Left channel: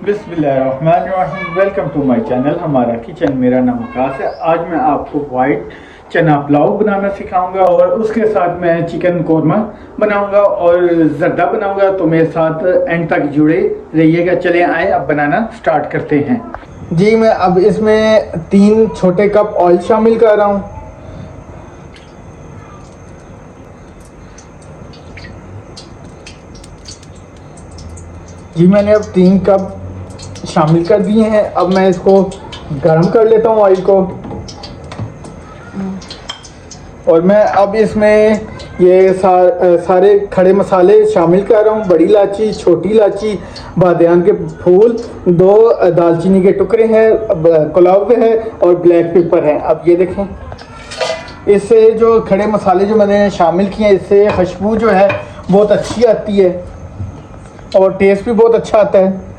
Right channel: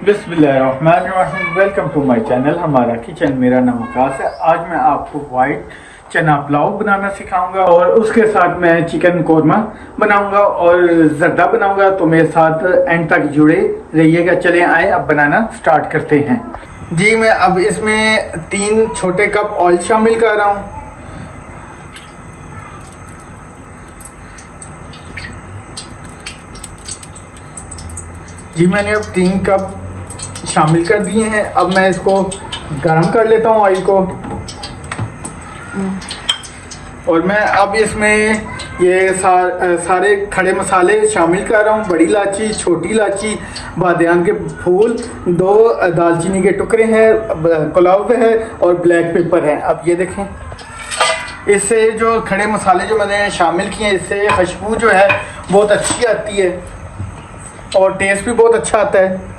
बिस्मिल्लाहिर्रहमानिर्रहीम। Welcome to my channel हमारा kitchen. मेरा नाम आकाश है। आज मैं आपको वाइट चना पुलाव बनाना सिखाऊंगा और उसके साथ मैं चिकन कौरमा बनाऊंगा और जर्दा बनाऊंगा। तो मेरे साथ एंड तक जुड़े रहिएगा। चलें आए अब बनाना स्टार्ट करते हैं। जी मैं अब इसमें 3 छोटे कप ऑयल शामिल कर रहा हूँ। जी मैंने अब 3 कप शामिल कर दिए हैं। अब मैं इसको गरम कर लेता हूँ ऑयल को। और मैं अब इसमें ये सारे खड़े मसाले शामिल कर रहा हूँ। बड़ी इलायची, छोटी इलायची, बादियान के फूल, 2 दालचीनी के टुकड़े हैं, पुलाव है और ब्लैक पेपर है। अब ये देखें, इससे जो खड़े मसाले जो मैंने शामिल किए हैं, इससे खुशबू जो है बहुत अच्छी आती है और टेस्ट भी बहुत अच्छा आता है।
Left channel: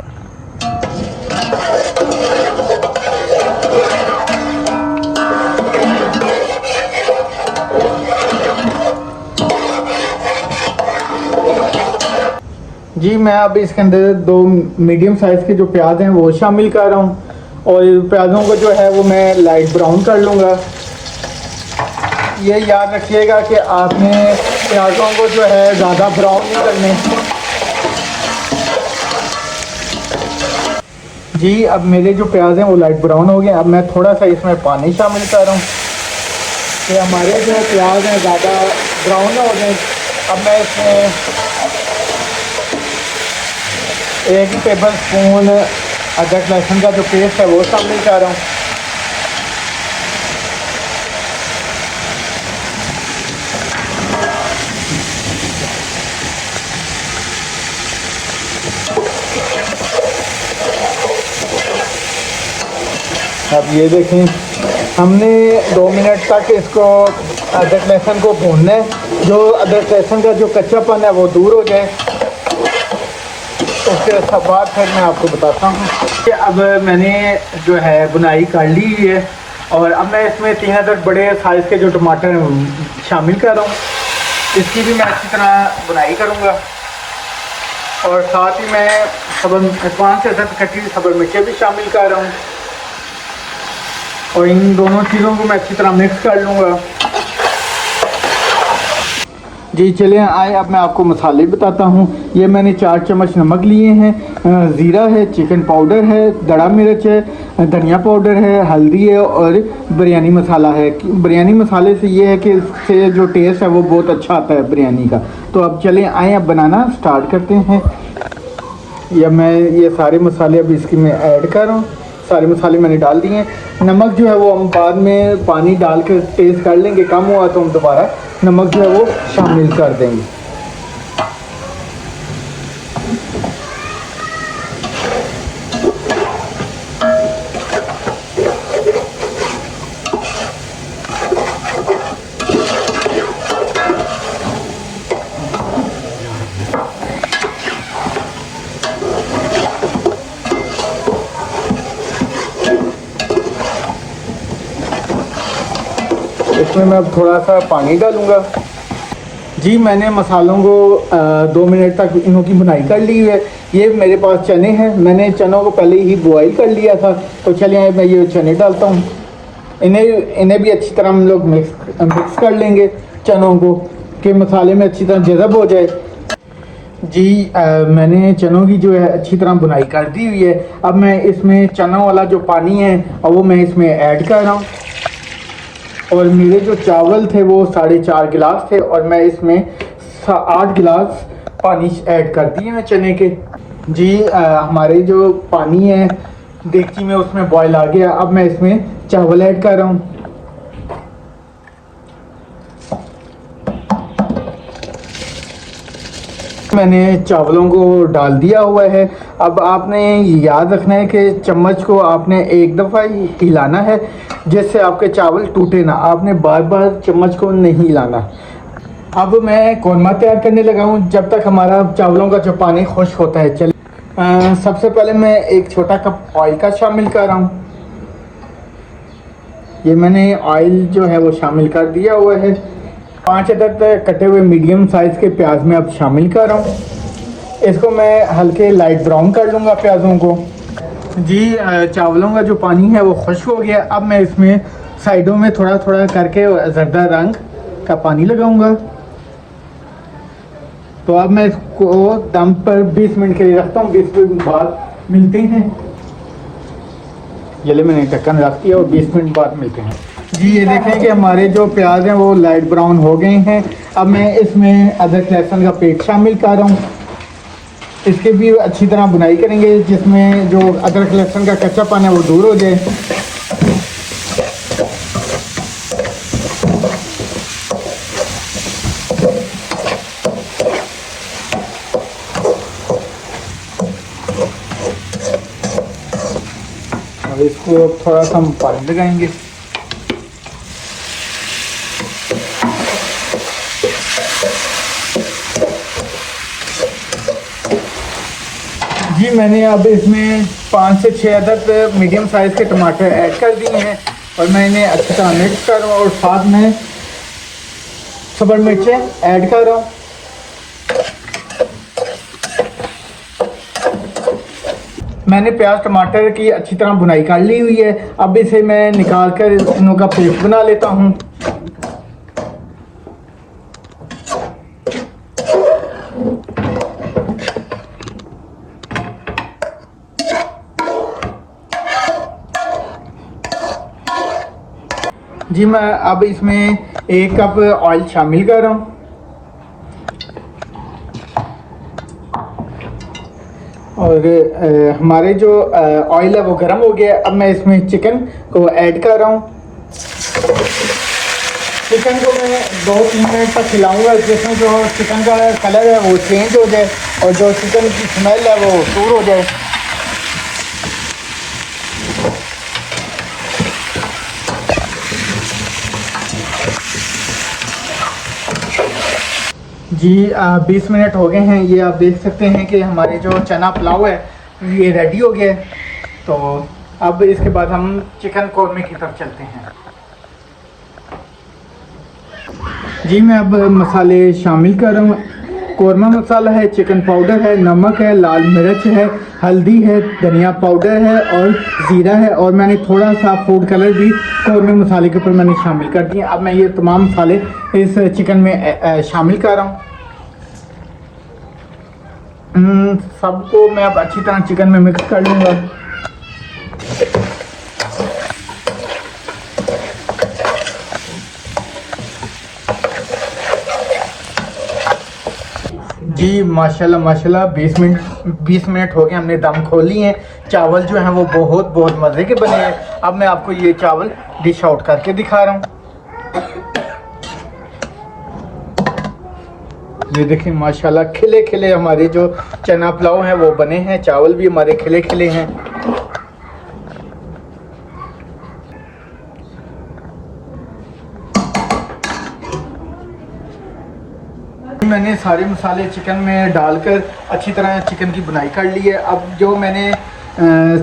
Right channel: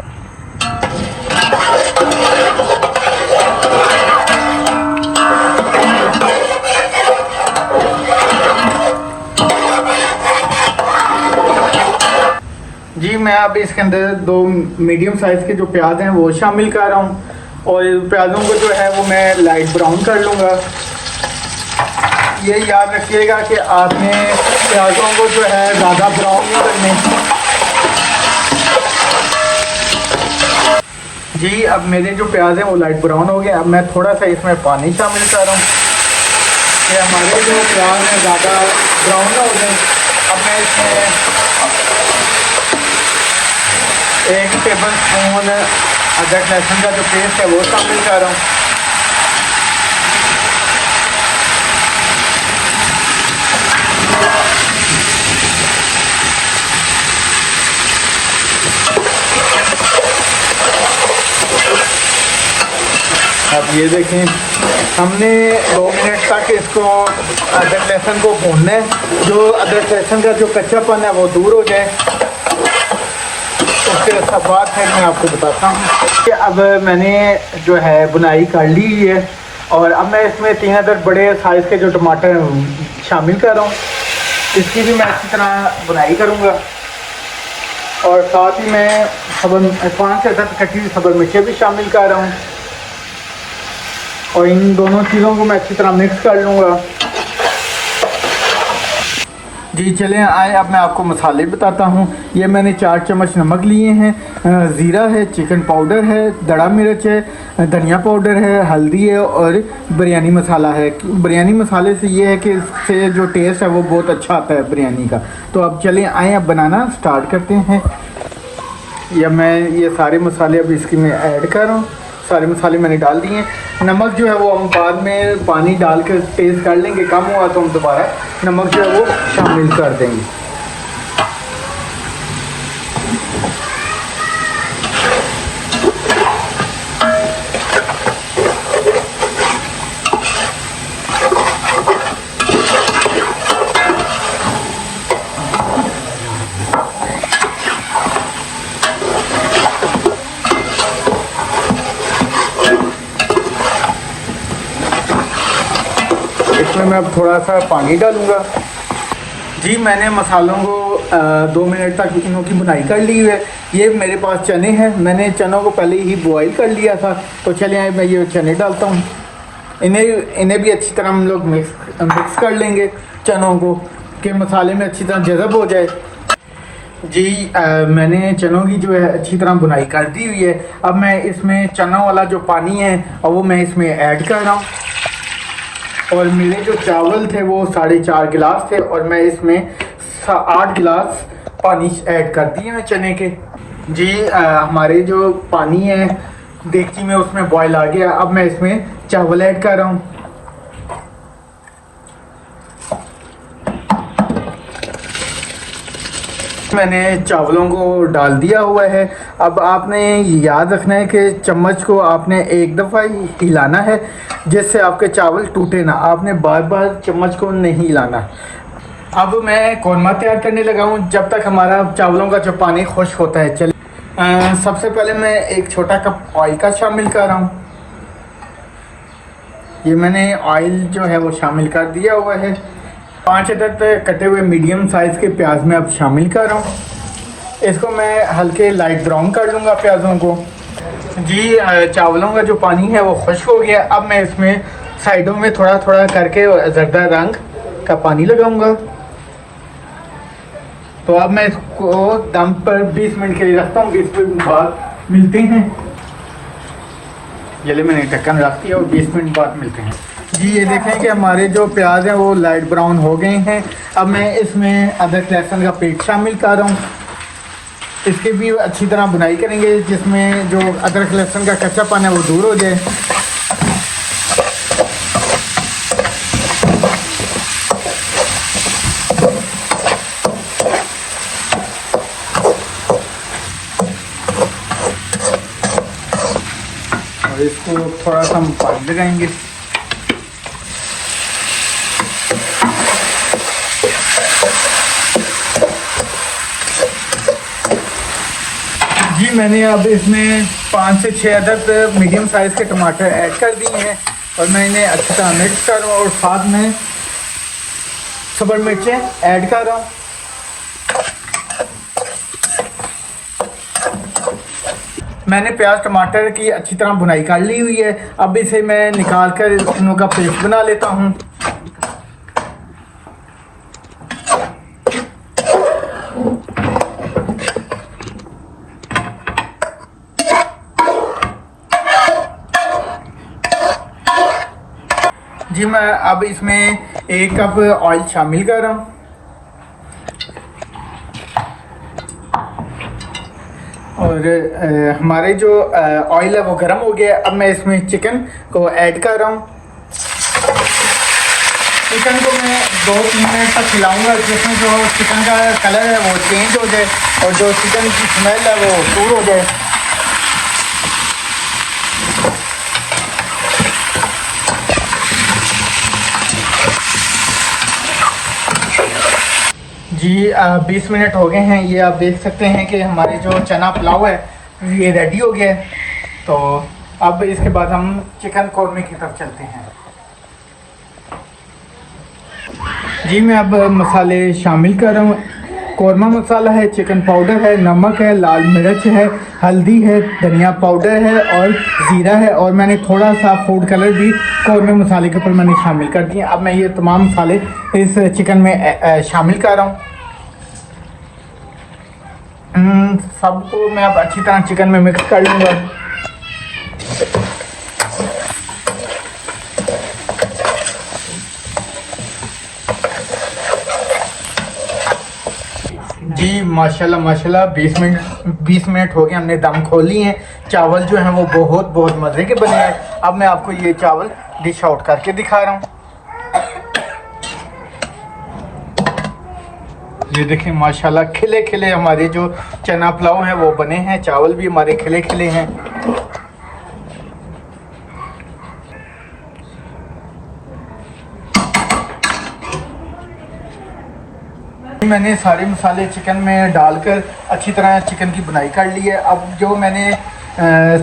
जी मैं अब इसके अंदर 2 मीडियम साइज के जो प्याज हैं वो शामिल कर रहा हूँ और प्याजों को जो है वो मैं लाइट ब्राउन कर लूँगा। ये याद रखिएगा कि आपने प्याजों को जो है ज़्यादा ब्राउन नहीं करने। जी अब मेरे जो प्याज हैं वो लाइट ब्राउन हो गए। अब मैं थोड़ा सा इसमें पानी शामिल कर रहा हूँ कि हमारे जो प्याज हैं ज़्यादा ब्राउन हो गए। अब मैं इसमें 1 टेबल स्पून अदरक लहसुन का जो पेस्ट है वो शामिल कर रहा हूँ। अब ये देखें, हमने 2 मिनट तक इसको अदरक लहसुन को भूनना है। जो अदरक लहसुन का जो कच्चापन है वो दूर हो जाए। उसके बाद फिर मैं आपको बताता हूँ कि अब मैंने जो है बुनाई कर ली है और अब मैं इसमें 3 अदर बड़े साइज़ के जो टमाटर शामिल कर रहा हूँ। इसकी भी मैं अच्छी तरह बुनाई करूँगा और साथ ही मैं 5 से 7 कटी सब्ज़ मिर्चें भी शामिल कर रहा हूँ और इन दोनों चीज़ों को मैं अच्छी तरह मिक्स कर लूँगा। जी चलें आए अब मैं आपको मसाले बताता हूँ। ये मैंने 4 चम्मच नमक लिए हैं, ज़ीरा है, चिकन पाउडर है, दड़ा मिर्च है, धनिया पाउडर है, हल्दी है और बिरयानी मसाला है। बिरयानी मसाले से ये है कि इससे जो टेस्ट है वो बहुत अच्छा आता है बिरयानी का। तो अब चलें आए अब बनाना स्टार्ट करते हैं। या मैं ये सारे मसाले अब इसकी मैं ऐड कर रहा हूँ। सारे मसाले मैंने डाल दिए। नमक जो है वो हम बाद में पानी डाल कर टेस्ट कर लेंगे, कम हुआ तो हम दोबारा नमक जो है वो शामिल कर देंगे। मैं थोड़ा सा पानी डालूंगा। जी मैंने मसालों को 2 मिनट तक इनों की भुनाई कर ली है। ये मेरे पास चने हैं, मैंने चनों को पहले ही बॉईल कर लिया था। तो चलिए मैं ये चने डालता हूँ। इन्हें भी अच्छी तरह हम लोग मिक्स कर लेंगे चनों को कि मसाले में अच्छी तरह जज़ब हो जाए। जी मैंने चनों की जो है अच्छी तरह बुनाई कर दी हुई है। अब मैं इसमें चनों वाला जो पानी है वो मैं इसमें ऐड कर रहा हूँ और मेरे जो चावल थे वो 4.5 गिलास थे और मैं इसमें 8 गिलास पानी ऐड कर दिए हैं चने के। जी हमारे जो पानी है देगची में उसमें बॉयल आ गया। अब मैं इसमें चावल ऐड कर रहा हूँ। मैंने चावलों को डाल दिया हुआ है। अब आपने याद रखना है कि चम्मच को आपने एक दफ़ा ही हिलाना है जिससे आपके चावल टूटे ना। आपने बार बार चम्मच को नहीं हिलाना। अब मैं कौरमा तैयार करने लगा हूँ जब तक हमारा चावलों का जो पानी खुश्क होता है। चलिए सबसे पहले मैं 1 छोटा कप ऑयल का शामिल कर रहा हूँ। ये मैंने ऑयल जो है वो शामिल कर दिया हुआ है। 5 अदद कटे हुए मीडियम साइज के प्याज में अब शामिल कर रहा हूँ। इसको मैं हल्के लाइट ब्राउन कर लूँगा प्याज़ों को। जी चावलों का जो पानी है वो खुश्क हो गया। अब मैं इसमें साइडों में थोड़ा थोड़ा करके जर्दा रंग का पानी लगाऊंगा। तो अब मैं इसको दम पर 20 मिनट के लिए रखता हूँ। 20 मिनट बाद मिलते हैं। जले मैंने ढक्कन रख दिया और 20 मिनट बाद मिलते हैं। जी ये देखें कि हमारे जो प्याज हैं वो लाइट ब्राउन हो गए हैं। अब मैं इसमें अदरक लहसुन का पेस्ट शामिल कर रहा हूँ। इसकी भी अच्छी तरह बुनाई करेंगे जिसमें जो अदरक लहसुन का कच्चापन है वो दूर हो जाए। इसको थोड़ा सा हम पानी लगाएंगे। जी मैंने अब इसमें 5 से 6 अदद मीडियम साइज़ के टमाटर ऐड कर दिए हैं और मैं इन्हें अच्छी तरह मिक्स कर रहा हूँ और साथ में सब्ज़ मिर्चें ऐड कर रहा हूँ। मैंने प्याज टमाटर की अच्छी तरह बुनाई कर ली हुई है। अब इसे मैं निकाल कर इनों का पेस्ट बना लेता हूँ। जी मैं अब इसमें 1 कप ऑयल शामिल कर रहा हूँ और हमारे जो ऑयल है वो गर्म हो गया। अब मैं इसमें चिकन को ऐड कर रहा हूँ। चिकन को मैं 2-3 मिनट तक खिलाऊंगा जिसमें जो चिकन का कलर है वो चेंज हो जाए और जो चिकन की स्मेल है वो दूर हो जाए। जी 20 मिनट हो गए हैं। ये आप देख सकते हैं कि हमारे जो चना पुलाव है ये रेडी हो गया है। तो अब इसके बाद हम चिकन कौरमे की तरफ चलते हैं। जी मैं अब मसाले शामिल कर रहा हूँ। कौरमा मसाला है, चिकन पाउडर है, नमक है, लाल मिर्च है, हल्दी है, धनिया पाउडर है और ज़ीरा है और मैंने थोड़ा सा फूड कलर भी कौरमे मसाले के ऊपर मैंने शामिल कर दिए। अब मैं ये तमाम मसाले इस चिकन में शामिल कर रहा हूँ। सबको मैं अब अच्छी तरह चिकन में मिक्स कर लूँगा। जी माशाल्लाह माशाल्लाह 20 मिनट हो गए, हमने दम खोली हैं। चावल जो हैं वो बहुत बहुत मज़े के बने हैं। अब मैं आपको ये चावल डिश आउट करके दिखा रहा हूँ। ये देखिए माशाल्लाह खिले खिले हमारे जो चना पुलाव हैं वो बने हैं। चावल भी हमारे खिले खिले हैं। मैंने सारे मसाले चिकन में डालकर अच्छी तरह चिकन की बुनाई कर ली है। अब जो मैंने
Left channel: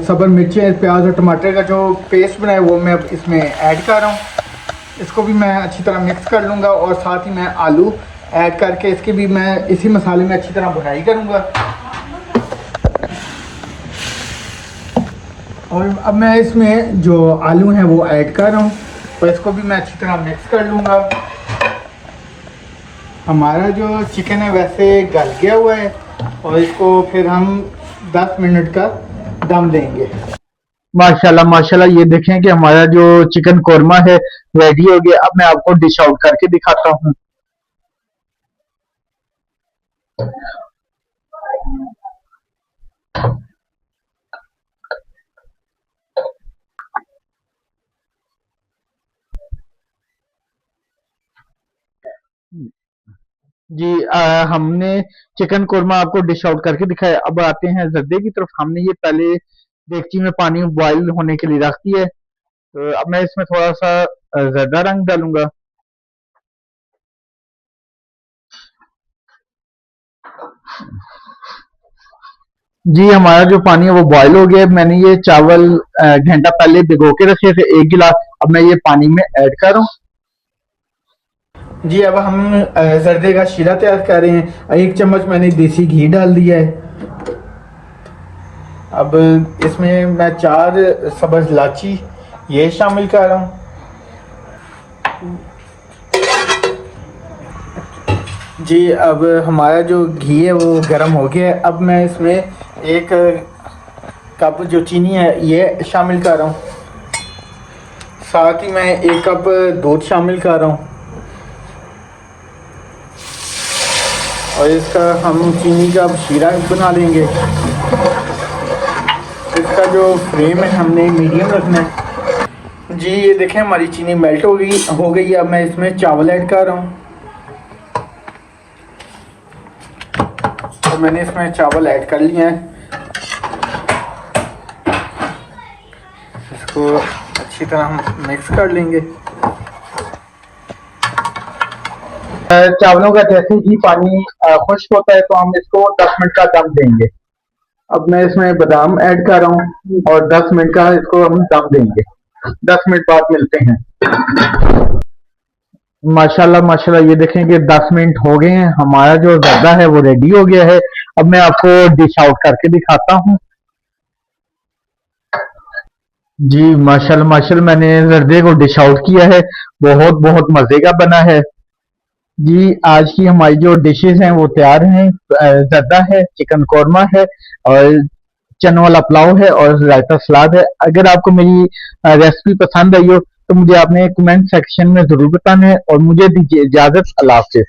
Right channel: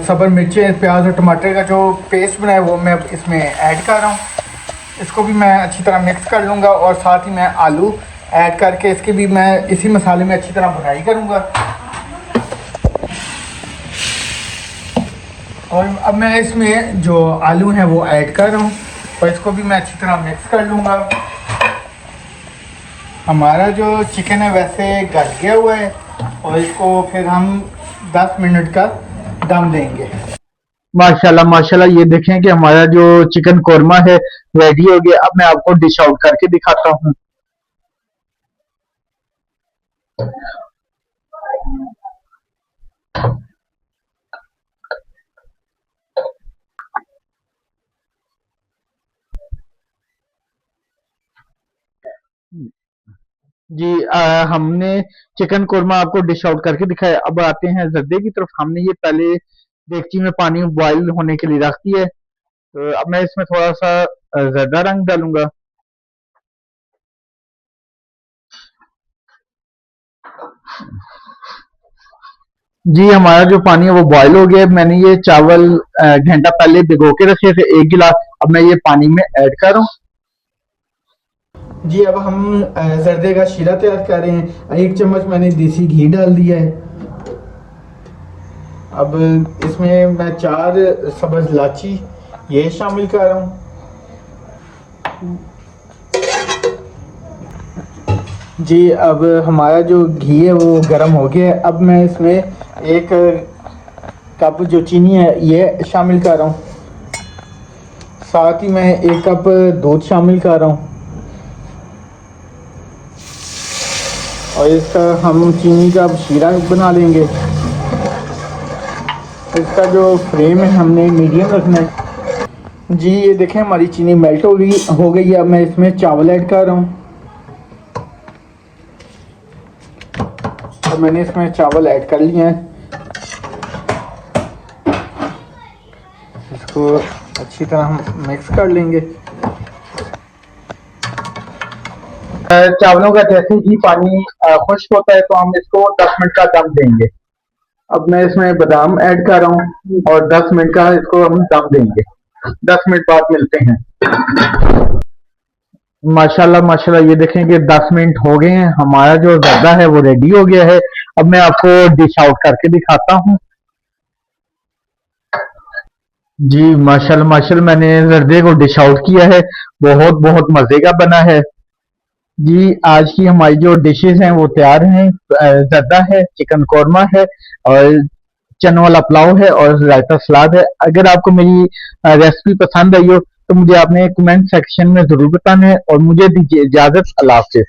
सब्ज़ मिर्चें, प्याज और टमाटर का जो पेस्ट बनाया वो मैं अब इसमें ऐड कर रहा हूँ। इसको भी मैं अच्छी तरह मिक्स कर लूँगा और साथ ही मैं आलू ऐड करके इसकी भी मैं इसी मसाले में अच्छी तरह बुनाई करूँगा। और अब मैं इसमें जो आलू हैं वो ऐड कर रहा हूँ और इसको भी मैं अच्छी तरह मिक्स कर लूँगा। हमारा जो चिकन है वैसे गल गया हुआ है और इसको फिर हम 10 मिनट का दम देंगे। माशाल्लाह माशाल्लाह, ये देखें कि हमारा जो चिकन कोरमा है रेडी हो गया। अब मैं आपको डिश आउट करके दिखाता हूँ। जी हमने चिकन कोरमा आपको डिश आउट करके दिखाया। अब आते हैं जर्दे की तरफ। हमने ये पहले देगची में पानी बॉयल होने के लिए रख दिया है। तो अब मैं इसमें थोड़ा सा जर्दा रंग डालूंगा। जी हमारा जो पानी है वो बॉयल हो गया है। मैंने ये चावल घंटा पहले भिगो के रखे थे 1 गिलास। अब मैं ये पानी में ऐड कर रहा हूँ। जी अब हम जर्दे का शीरा तैयार कर रहे हैं। 1 चम्मच मैंने देसी घी डाल दिया है। अब इसमें मैं 4 सब्ज इलायची ये शामिल कर रहा हूँ। जी अब हमारा जो घी है वो गर्म हो गया है। अब मैं इसमें 1 कप जो चीनी है ये शामिल कर रहा हूँ। साथ ही मैं 1 कप दूध शामिल कर रहा हूँ और इसका हम चीनी का शीरा बना लेंगे। इसका जो फ्लेम है हमने मीडियम रखना है। जी ये देखें हमारी चीनी मेल्ट हो गई। अब मैं इसमें चावल ऐड कर रहा हूँ। तो मैंने इसमें चावल ऐड कर लिया है। इसको अच्छी तरह हम मिक्स कर लेंगे। चावलों का जैसे ही पानी खुश्क होता है तो हम इसको 10 मिनट का दम देंगे। अब मैं इसमें बादाम ऐड कर रहा हूँ और 10 मिनट का इसको हम दम देंगे। 10 मिनट बाद मिलते हैं। माशाल्लाह माशाल्लाह, ये देखें कि 10 मिनट हो गए हैं, हमारा जो जर्दा है वो रेडी हो गया है। अब मैं आपको डिश आउट करके दिखाता हूँ। जी माशाल्लाह माशाल्लाह, मैंने जर्दे को डिश आउट किया है। बहुत बहुत मजे का बना है। जी आज की हमारी जो डिशेस हैं वो तैयार हैं। जर्दा है, चिकन कौरमा है और चने वाला पुलाव है और रायता सलाद है। अगर आपको मेरी रेसिपी पसंद आई हो तो मुझे आपने कमेंट सेक्शन में जरूर बताना है और मुझे दीजिए इजाजत। अल्लाह हाफिज।